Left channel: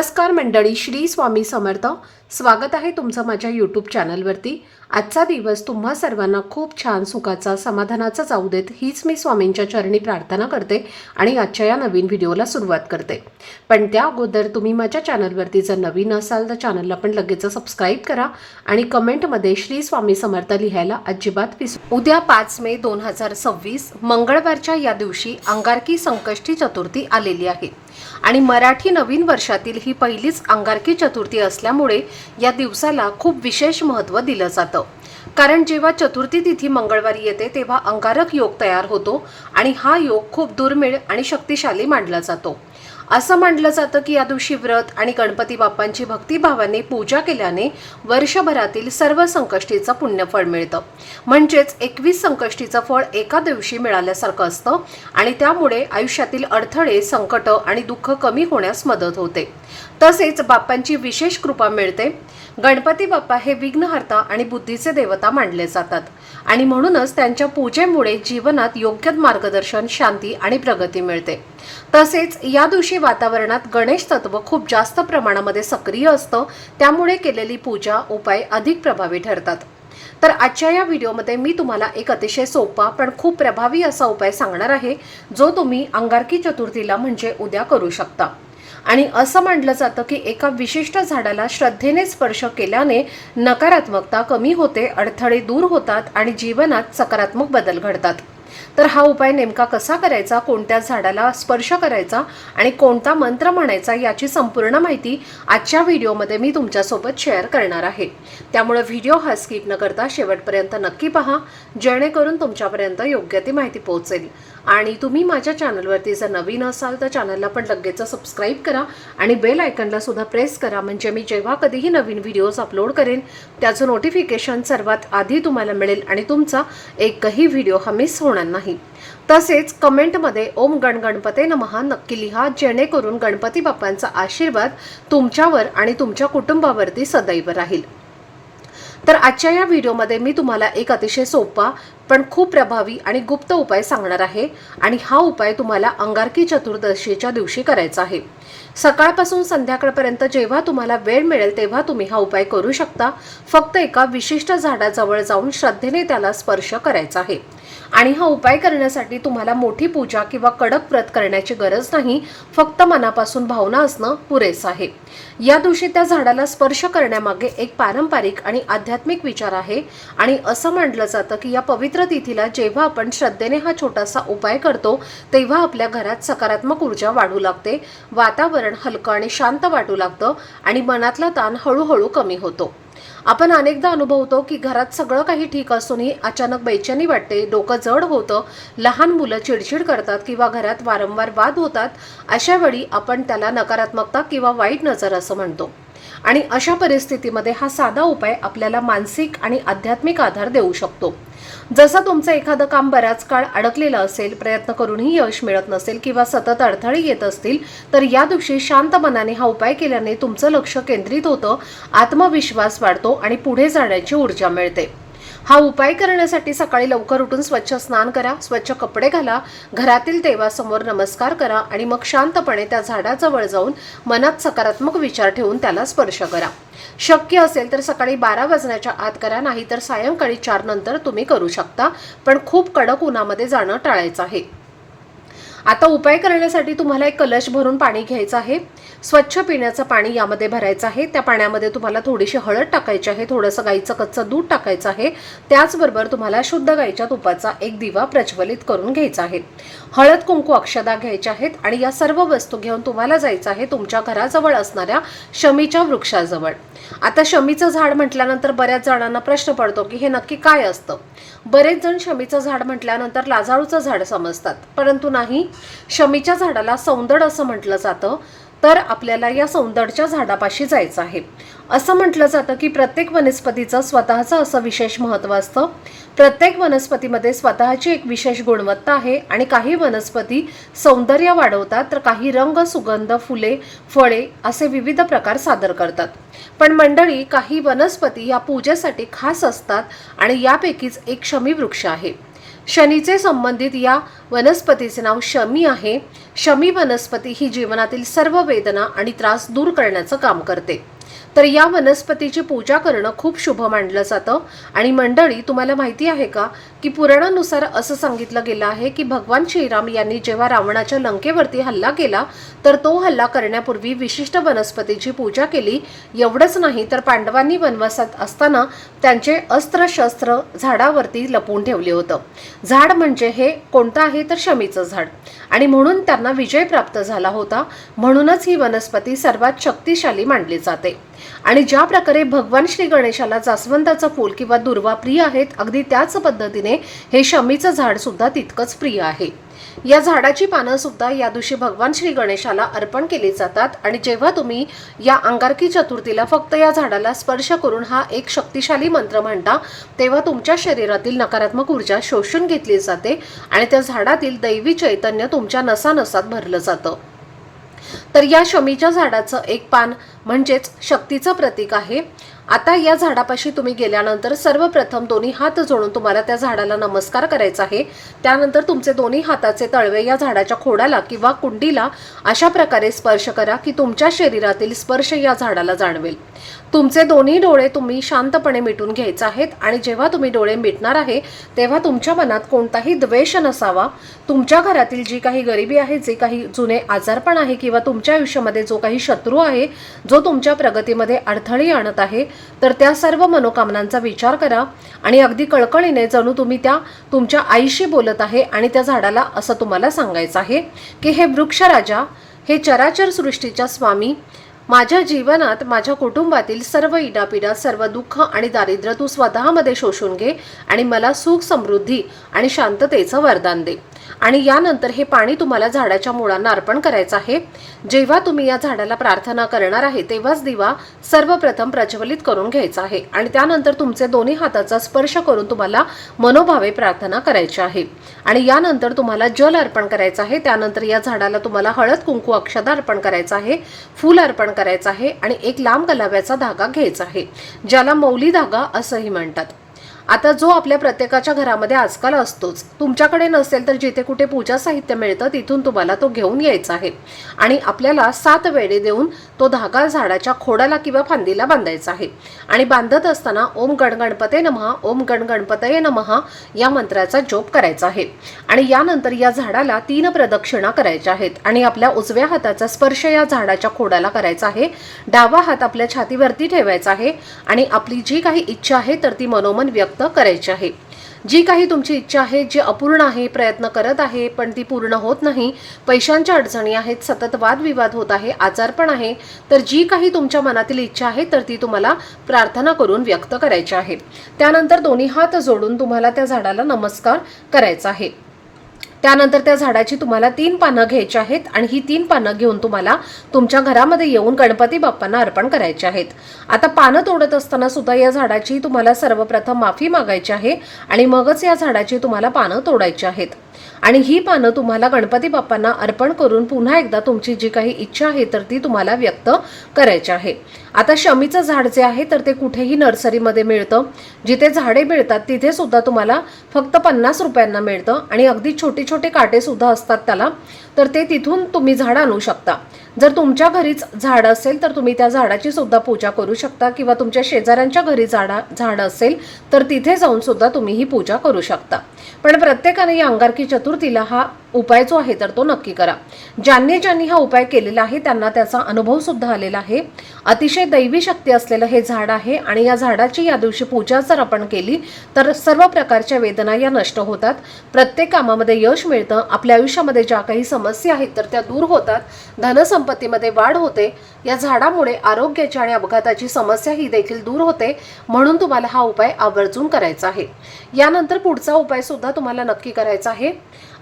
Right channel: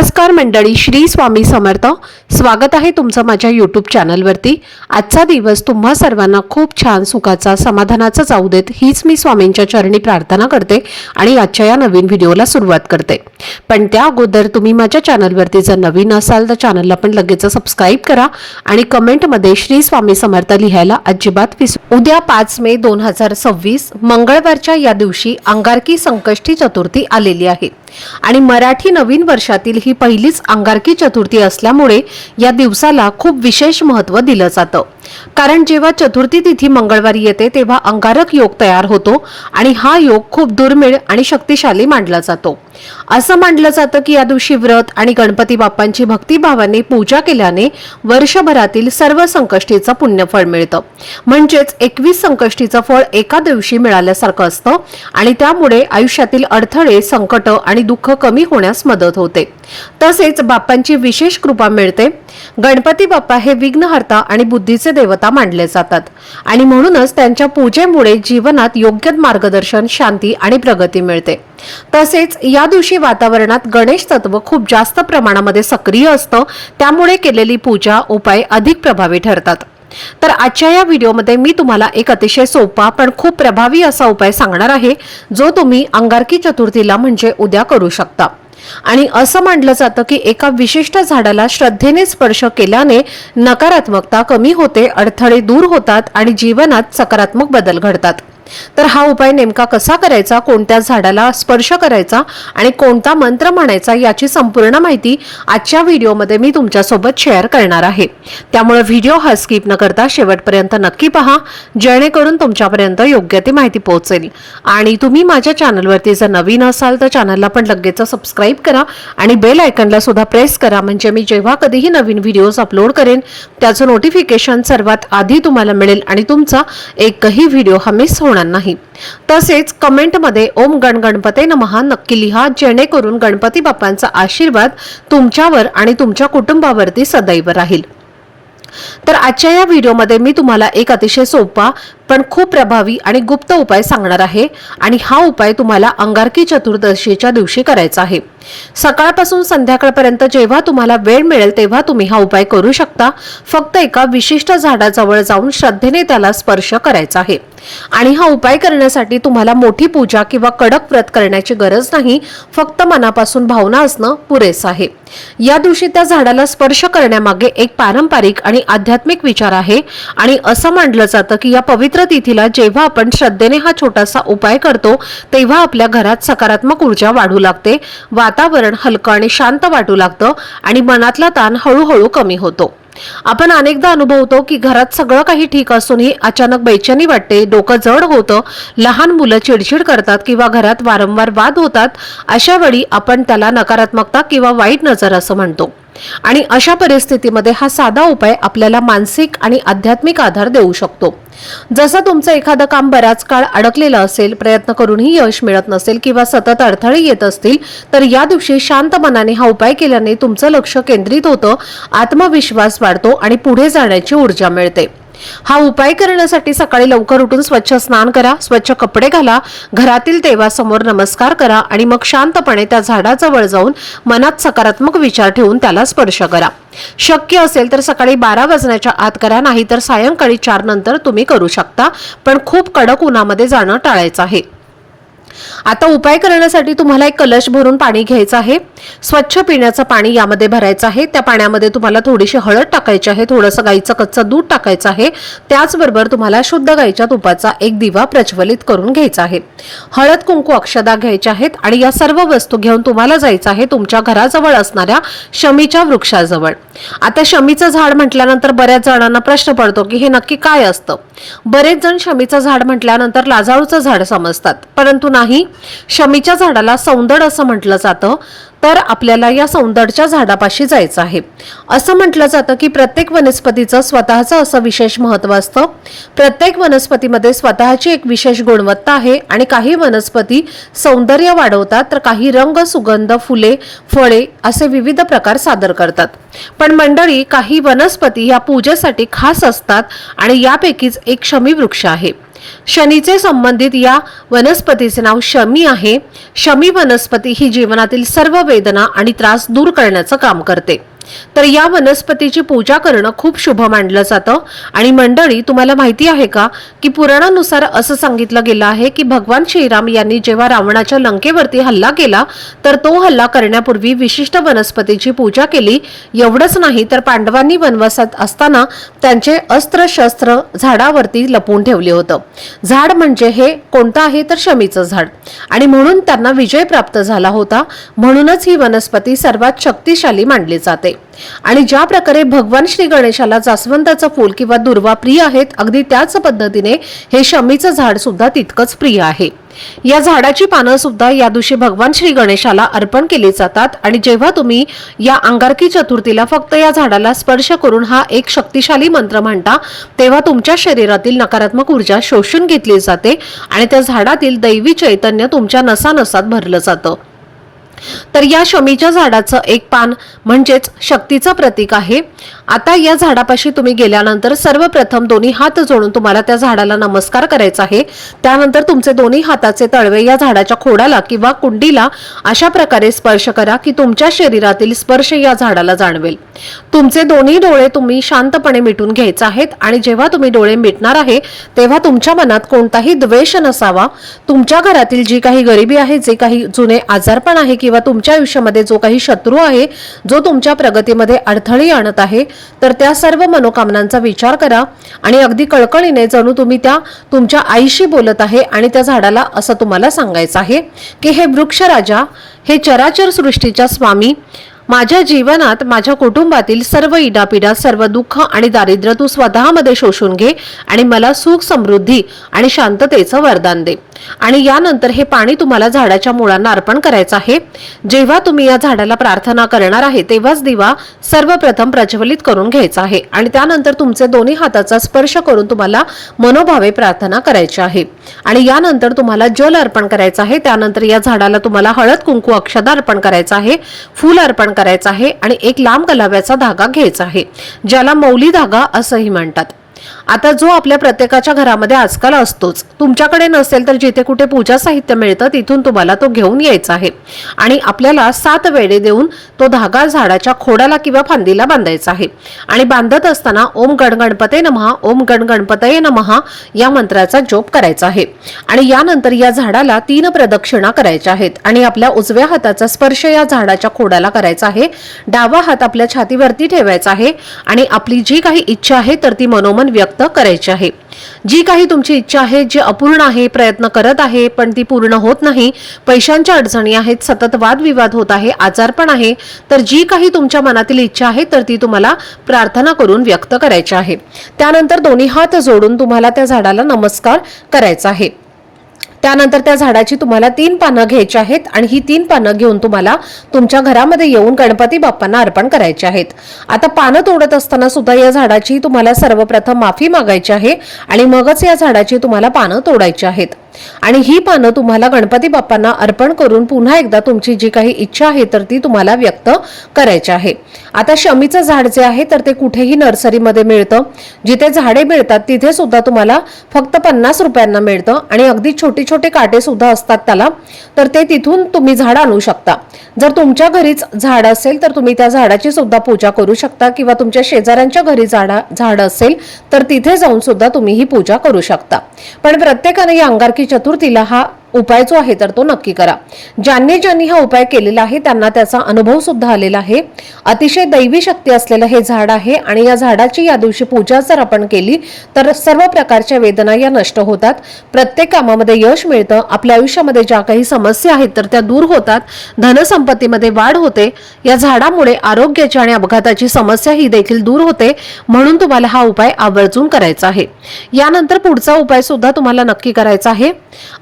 नमस्कार मंडळी, श्री स्वामी समर्थ। स्वागत आहे तुमचं माझ्या यूट्यूब चॅनलवरती। आजचा दिवस तुम्हा सर्वांना खूप छान सुखाचा समाधानाचा जाऊ देत हीच मी स्वामींच्या चरणी प्रार्थना करते आणि आजच्या या नवीन व्हिडिओला सुरुवात करते। पण त्या अगोदर तुम्ही माझ्या चॅनलवरती जर नवीन असाल तर चॅनलला पण लगेच सबस्क्राइब करा आणि कमेंटमध्ये श्री स्वामी समर्थ लिहायला अजिबात विसरू। उद्या 5 मे 2026 मंगळवारच्या या दिवशी अंगारकी संकष्टी चतुर्थी आलेली आहे आणि मराठी नवीन वर्षातील ही पहिलीच अंगारकी चतुर्थी असल्यामुळे या दिवसाला खूप विशेष महत्त्व दिलं जातं। कारण जेव्हा चतुर्थी तिथी मंगळवारी येते तेव्हा अंगारक योग तयार होतो आणि हा योग खूप दुर्मिळ आणि शक्तिशाली मानला जातो। असं मानलं जातं की या दिवशी व्रत आणि गणपती बाप्पांची भक्तिभावाने पूजा केल्याने वर्षभरातील सर्व संकष्टीचं पुण्यफळ मिळतं। म्हणजेच 21 संकष्टीचं फळ एका दिवशी मिळाल्यासारखं असतं आणि त्यामुळे आयुष्यातील अडथळे, संकट आणि दुःख कमी होण्यास मदत होते। तसेच बाप्पांची विशेष कृपा मिळते। गणपती बाप्पा हे विघ्नहर्ता आणि बुद्धीचे देवता मानले जातात आणि म्हणूनच त्यांच्या पूजेमुळे जीवनात योग्य मार्गदर्शन, शांती आणि प्रगती मिळते। तसेच या दिवशी वातावरणात गणेश तत्व खूप जास्त प्रमाणामध्ये सक्रिय असतं, त्यामुळे केलेली पूजा, उपाय अधिक प्रभावी ठरतात। तर आजच्या या व्हिडिओमध्ये मी तुम्हाला एक अतिशय सोपा पण खूप प्रभावी असा उपाय सांगणार आहे जो तुम्ही अंगारकी चतुर्थीला म्हणजे उद्या करू शकता। आणि असं मानलं जातं की एका विशिष्ट झाडाला श्रद्धेने स्पर्श केल्याने नकारात्मकता कमी होते, अडथळे दूर होतात आणि जीवनात सकारात्मक बदल घडतात। तर हा उपाय नेमका कसा करायचा, कोणत्या झाडाला स्पर्श करायचा आणि कोणता मंत्र म्हणायचा याची संपूर्ण माहिती आजच्या व्हिडिओमध्ये मी तुमच्यासोबत शेअर करणार आहे। त्यामुळे व्हिडिओ हा स्किप न करता शेवटपर्यंत नक्की पहा, जेणेकरून तुमच्यापर्यंत योग्य ती माहिती पोहोचेल। आणि तुम्ही माझ्या चॅनलवरती जर नवीन असाल तर चॅनलला पण लगेच सबस्क्राइब करा आणि बेल आयकॉनला सुद्धा प्रेस करा, म्हणजे मी जेव्हा कधीही नवीन व्हिडिओज अपलोड करेन त्याचं नोटिफिकेशन सर्वात आधी तुम्हाला मिळेल आणि तुमचा एकही व्हिडिओ हा मिस होणार नाही। तसेच कमेंट मध्ये ओम गण गणपते नमः नक्की लिहा, जेणेकरून गणपती बाप्पांचा आशीर्वाद तुमच्यावर आणि तुमच्या कुटुंबावरती सदैव राहील। तर आजच्या या व्हिडिओमध्ये मी तुम्हाला एक अतिशय सोपा पण खूप प्रभावी आणि गुप्त उपाय सांगणार आहे आणि हा उपाय तुम्हाला अंगारकी चतुर्दशीच्या दिवशी करायचा आहे। सकाळपासून संध्याकाळपर्यंत जेव्हा तुम्हाला वेळ मिळेल तेव्हा तुम्ही हा उपाय करू शकता। फक्त एका विशिष्ट झाडाजवळ जाऊन श्रद्धेने त्याला स्पर्श करायचा आहे आणि हा उपाय करण्यासाठी तुम्हाला मोठी पूजा किंवा कडक व्रत करण्याची गरज नाही, फक्त मनापासून भावना असणं पुरेसं आहे। या दिवशी त्या झाडाला स्पर्श करण्यामागे एक पारंपरिक आणि आध्यात्मिक विचार आहे आणि असं मानलं जातं की या पवित्र तिथीला जेव्हा आपण श्रद्धेने हा छोटासा उपाय करतो तेव्हा आपल्या घरात सकारात्मक ऊर्जा वाढू लागते, वातावरण हलकं आणि शांत वाटू लागतं आणि मनातला ताण हळूहळू कमी होतो। आपण अनेकदा अनुभवतो की घरात सगळं काही ठीक असूनही अचानक बेचैनी वाटते, डोकं जड होतं, लहान मुलं चिडचिड करतात किंवा घरात वारंवार वाद होतात। अशा वेळी आपण त्याला नकारात्मकता किंवा वाईट नजर असं म्हणतो आणि अशा परिस्थितीमध्ये हा साधा उपाय आपल्याला मानसिक आणि आध्यात्मिक आधार देऊ शकतो। जसं तुमचं एखादं काम बराच काळ अडकलेलं असेल, प्रयत्न करूनही यश मिळत नसेल किंवा सतत अडथळे येत असतील तर या दिवशी शांत मनाने हा उपाय केल्याने तुमचं लक्ष केंद्रित होतं, आत्मविश्वास वाढतो आणि पुढे जाण्याची ऊर्जा मिळते। हा उपाय करण्यासाठी सकाळी लवकर उठून स्वच्छ स्नान करा, स्वच्छ कपडे घाला, घरातील देवासमोर नमस्कार करा आणि मग शांतपणे त्या झाडाजवळ जाऊन मनात सकारात्मक विचार ठेवून त्याला स्पर्श करा। शक्य असेल तर सकाळी 12 वाजण्याच्या आत करा, नाही तर सायंकाळी 4 नंतर तुम्ही करू शकता, पण खूप कडक उन्हामध्ये जाणं टाळायचं आहे। आता उपाय करण्यासाठी तुम्हाला एक कलश भरून पाणी घ्यायचं आहे। स्वच्छ पिण्याचं पाणी यामध्ये भरायचं आहे। त्या पाण्यामध्ये तुम्हाला थोडीशी हळद टाकायची आहे, थोडंसं गाईचं कच्चं दूध टाकायचं आहे। त्याचबरोबर तुम्हाला शुद्ध गाईच्या तुपाचा एक दिवा प्रज्वलित करून घ्यायचा आहे। हळद, कुंकू, अक्षदा घ्यायच्या आहेत आणि या सर्व वस्तू घेऊन तुम्हाला जायचं आहे तुमच्या घराजवळ असणाऱ्या शमीच्या वृक्षाजवळ। आता शमीचं झाड म्हटल्यानंतर बऱ्याच जणांना प्रश्न पडतो की हे नक्की काय असतं। बरेच जण शमीचं झाड म्हटल्यानंतर लाजाळूचं झाड समजतात, परंतु नाही, शमीच्या झाडाला सौंदड असं म्हटलं जातं। तर आपल्याला या सौंदडच्या झाडापाशी जायचं आहे। असं म्हटलं जातं की प्रत्येक वनस्पतीचं स्वतःचं असं विशेष महत्त्व असतं। प्रत्येक वनस्पतीमध्ये स्वतःची एक विशेष गुणवत्ता आहे आणि काही वनस्पती सौंदर्य वाढवतात तर काही रंग, सुगंध, फुले, फळे असे विविध प्रकार सादर करतात। पण मंडळी, काही वनस्पती या पूजेसाठी खास असतात आणि यापैकीच एक शमी वृक्ष आहे। शनीचे संबंधित या वनस्पतीचे नाव शमी आहे। शमी वनस्पती ही जीवनातील सर्व वेदना आणि त्रास दूर करण्याचं काम करते। तर या वनस्पतीची पूजा करणं खूप शुभ मानलं जातं। आणि मंडळी, तुम्हाला माहिती आहे का की पुराणानुसार असं सांगितलं गेलं आहे की भगवान श्रीराम यांनी जेव्हा रावणाच्या लंकेवरती हल्ला केला तर तो हल्ला करण्यापूर्वी विशिष्ट वनस्पतीची पूजा केली। एवढंच नाही तर पांडवांनी वनवासात असताना त्यांचे अस्त्र शस्त्र झाडावरती लपवून ठेवले होतं। झाड म्हणजे हे कोणतं आहे तर शमीचं झाड, आणि म्हणून त्यांना विजय प्राप्त झाला होता। म्हणूनच ही वनस्पती सर्वात शक्तिशाली मानली जाते। आणि ज्या प्रकारे भगवान श्री गणेशाला जास्वंदाचं फूल किंवा दुर्वा प्रिय आहेत, अगदी त्याच पद्धतीने हे शमीचं झाड सुद्धा तितकंच प्रिय आहे। या झाडाची पानं सुद्धा या दिवशी भगवान श्री गणेशाला अर्पण केली जातात। आणि जेव्हा तुम्ही या अंगारकी चतुर्थीला फक्त या झाडाला स्पर्श करून हा एक शक्तिशाली मंत्र म्हणता, तेव्हा तुमच्या शरीरातील नकारात्मक ऊर्जा शोषून घेतली जाते आणि त्या झाडातील दैवी चैतन्य तुमच्या नसानसात भरलं जातं। तर या शमीच्या झाडाचं एक पान म्हणजेच शक्तीचं प्रतीक आहे। आता या झाडापाशी तुम्ही गेल्यानंतर सर्वप्रथम दोन्ही हात जोडून तुम्हाला त्या झाडाला नमस्कार करायचा आहे। त्यानंतर तुमचे दोन्ही हाताचे तळवे या झाडाच्या खोडाला किंवा कुंडीला अशा प्रकारे स्पर्श करा की तुमच्या शरीरातील स्पर्श या झाडाला जाणवेल। तुमचे दोन्ही डोळे तुम्ही शांतपणे मिटून घ्यायचे आहेत। आणि जेव्हा तुम्ही डोळे मिटणार आहे तेव्हा तुमच्या मनात कोणताही द्वेष नसावा। तुमच्या घरातील जी काही गरिबी आहे, जे काही जुने आजारपण आहे किंवा तुमच्या आयुष्यामध्ये जो काही शत्रू आहे, जो तुमच्या प्रगतीमध्ये अडथळे आणत आहे, तर त्या सर्व मनोकामनांचा विचार करा आणि अगदी कळकळीने जणू तुम्ही त्या तुमच्या आईशी बोलत आहे आणि त्या झाडाला असं तुम्हाला सांगायचं आहे की हे वृक्ष राजा, हे चराचर सृष्टीच्या स्वामी, माझ्या जीवनात माझ्या कुटुंबातील सर्व इडापिडा, सर्व दुःख आणि दारिद्र्य तू स्वतःमध्ये शोषून घे आणि मला सुख, समृद्धी आणि शांततेचं वरदान दे। आणि यानंतर हे पाणी तुम्हाला झाडाच्या मुळांना अर्पण करायचं आहे। जेव्हा तुम्ही या झाडाला प्रार्थना करणार आहे तेव्हाच दिवा सर्वप्रथम प्रज्वलित करून घ्यायचा आहे आणि त्यानंतर तुमचे दोन्ही हाताचा स्पर्श करून तुम्हाला मनोभावे प्रार्थना करायची आहे। आणि यानंतर तुम्हाला जल अर्पण करायचं आहे। त्यानंतर या झाडाला तुम्हाला हळद, कुंकू, अक्षता अर्पण करायचं आहे, फूल अर्पण करायचं आहे आणि एक लांब गलाव्याचा धागा घ्यायचा आहे, ज्याला मौली धागा असंही म्हणतात। आता जो आपल्या प्रत्येकाच्या घरामध्ये आजकाल असतोच, तुमच्याकडे नसेल तर जिथे कुठे पूजा साहित्य मिळतं तिथून तुम्हाला तो घेऊन यायचा आहे आणि आपल्याला 7 वेढे देऊन तो धागा झाडाच्या खोडाला किंवा फांदीला बांधायचा आहे। आणि बांधत असताना ओम गण गणपते नमः, ओम गण गणपतये नमः या मंत्राचा जप करायचा आहे। आणि यानंतर या झाडाला 3 प्रदक्षिणा करायच्या आहेत आणि आपल्या उजव्या हाताचा स्पर्श या झाडाच्या खोडाला करायचा आहे। डावा हात आपल्या छातीवरती ठेवायचा आहे आणि आपली जी काही इच्छा आहे तर ती मनोमन व्यक्त करायची आहे। जी काही तुमची इच्छा आहे, जी अपूर्ण आहे, प्रयत्न करत आहे पण ती पूर्ण होत नाही, पैशांच्या अडचणी आहेत, सतत वादविवाद होत आहे, आजारपण आहे, तर जी काही तुमच्या मनातील इच्छा आहे तर ती तुम्हाला प्रार्थना करून व्यक्त करायची आहे। त्यानंतर दोन्ही हात जोडून तुम्हाला त्या झाडाला नमस्कार करायचा आहे। त्यानंतर त्या झाडाची तुम्हाला 3 पानं घ्यायची आहेत आणि ही 3 पानं घेऊन तुम्हाला तुमच्या घरामध्ये येऊन गणपती बाप्पांना अर्पण करायचे आहेत। आता पानं तोडत असताना सुद्धा या झाडाची तुम्हाला सर्वप्रथम माफी मागायची आहे आणि मगच या झाडाची तुम्हाला पानं तोडायची आहेत। आणि ही पानं तुम्हाला गणपती बाप्पांना अर्पण करून पुन्हा एकदा तुमची जी काही इच्छा आहे तर ती तुम्हाला व्यक्त करायची आहे। आता शमीचं झाड जे आहे तर ते कुठेही नर्सरीमध्ये मिळतं, जिथे झाडे मिळतात तिथे सुद्धा तुम्हाला फक्त 50 रुपयांना मिळतं आणि अगदी छोटे छोटे काटे सुद्धा असतात त्याला, तर ते तिथून तुम्ही झाड आणू शकता। जर तुमच्या घरीच झाड असेल तर तुम्ही त्या झाडाची सुद्धा पूजा करू शकता किंवा तुमच्या शेजाऱ्यांच्या घरी झाड असेल तर तिथे जाऊन सुद्धा तुम्ही ही पूजा करू शकता। पण प्रत्येकाने या अंगारकी चतुर्थीला हा उपाय जो आहे तर तो नक्की करा। ज्यांनी हा उपाय केलेला आहे त्यांना त्याचा अनुभव सुद्धा आलेला आहे। अतिशय दैवी शक्ती असलेलं हे झाड आहे आणि या झाडाची या दिवशी पूजा जर आपण केली तर सर्व प्रकारच्या वेदना या नष्ट होतात, प्रत्येक कामामध्ये यश मिळतं, आपल्या आयुष्यामध्ये ज्या काही समस्या आहेत तर त्या दूर होतात, धनसंपत्तीमध्ये वाढ होते। या झाडामुळे आरोग्याची आणि अपघाताची समस्या ही देखील दूर होते, म्हणून तुम्हाला हा उपाय आवर्जून करायचा आहे। यानंतर पुढचा उपाय सुद्धा तुम्हाला नक्की करायचा आहे।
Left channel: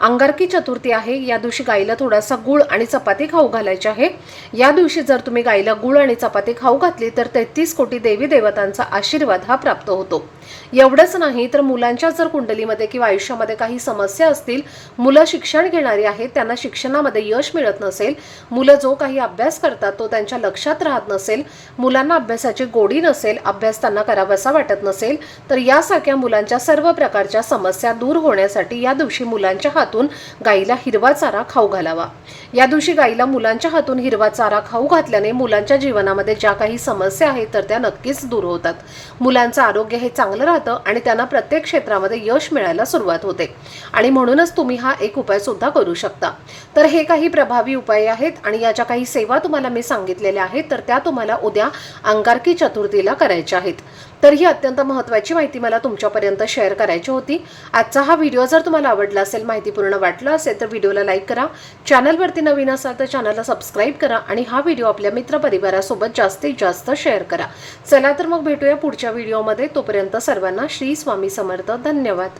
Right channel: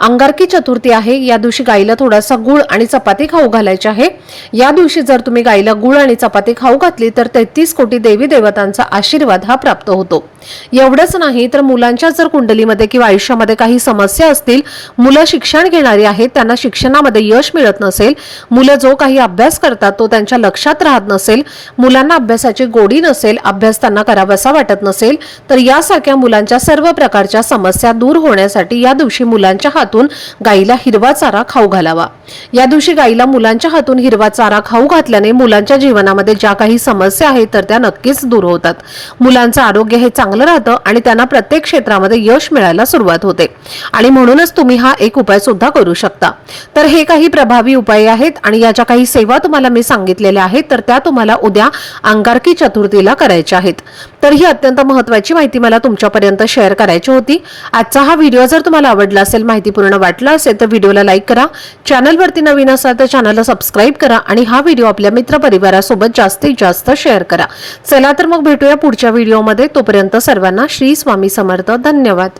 अंगारकी चतुर्थी आहे। या दिवशी गाईला थोडासा गुळ आणि चपाती खाऊ घालायची आहे। या दिवशी जर तुम्ही गाईला गुळ आणि चपाती खाऊ घातली तर 33 कोटी देवी देवतांचा आशीर्वाद हा प्राप्त होतो। एवढंच नाही तर मुलांच्या जर कुंडलीमध्ये किंवा आयुष्यामध्ये काही समस्या असतील, मुलं शिक्षण घेणारी आहेत, त्यांना शिक्षणामध्ये यश मिळत नसेल, मुलं जो काही अभ्यास करतात तो त्यांच्या लक्षात राहत नसेल, मुलांना अभ्यासाची गोडी नसेल, अभ्यास त्यांना करावासा वाटत नसेल, तर यासारख्या मुलांच्या सर्व प्रकारच्या समस्या दूर होण्यासाठी या दिवशी मुलांच्या हातून गाईला हिरवा चारा खाऊ घालावा। या दिवशी गाईला मुलांच्या हातून हिरवा चारा खाऊ घातल्याने मुलांच्या जीवनामध्ये ज्या काही समस्या आहेत तर त्या नक्कीच दूर होतात। मुलांचं आरोग्य हे चांगलं राहतं आणि त्यांना प्रत्येक क्षेत्रामध्ये यश मिळायला सुरुवात होते आणि म्हणूनच तुम्ही हा एक उपाय सुद्धा करू शकता। तर हे काही प्रभावी उपाय आहेत आणि याच्या काही सेवा तुम्हाला मी सांगितलेल्या आहेत, तर त्या तुम्हाला उद्या अंगारकी चतुर्थीला करायच्या आहेत। तर ही अत्यंत महत्त्वाची माहिती मला तुमच्यापर्यंत शेअर करायची होती। आजचा हा व्हिडिओ जर तुम्हाला आवडला असेल, माहितीपूर्ण वाटला असेल तर व्हिडिओला लाईक करा, चॅनलवरती नवीन असाल तर चॅनलला सबस्क्राइब करा आणि हा व्हिडिओ आपल्या मित्रपरिवारासोबत जास्तीत जास्त शेअर करा। चला तर मग भेटूया पुढच्या व्हिडिओमध्ये। तोपर्यंत सर्वांना श्री स्वामी समर्थ। धन्यवाद।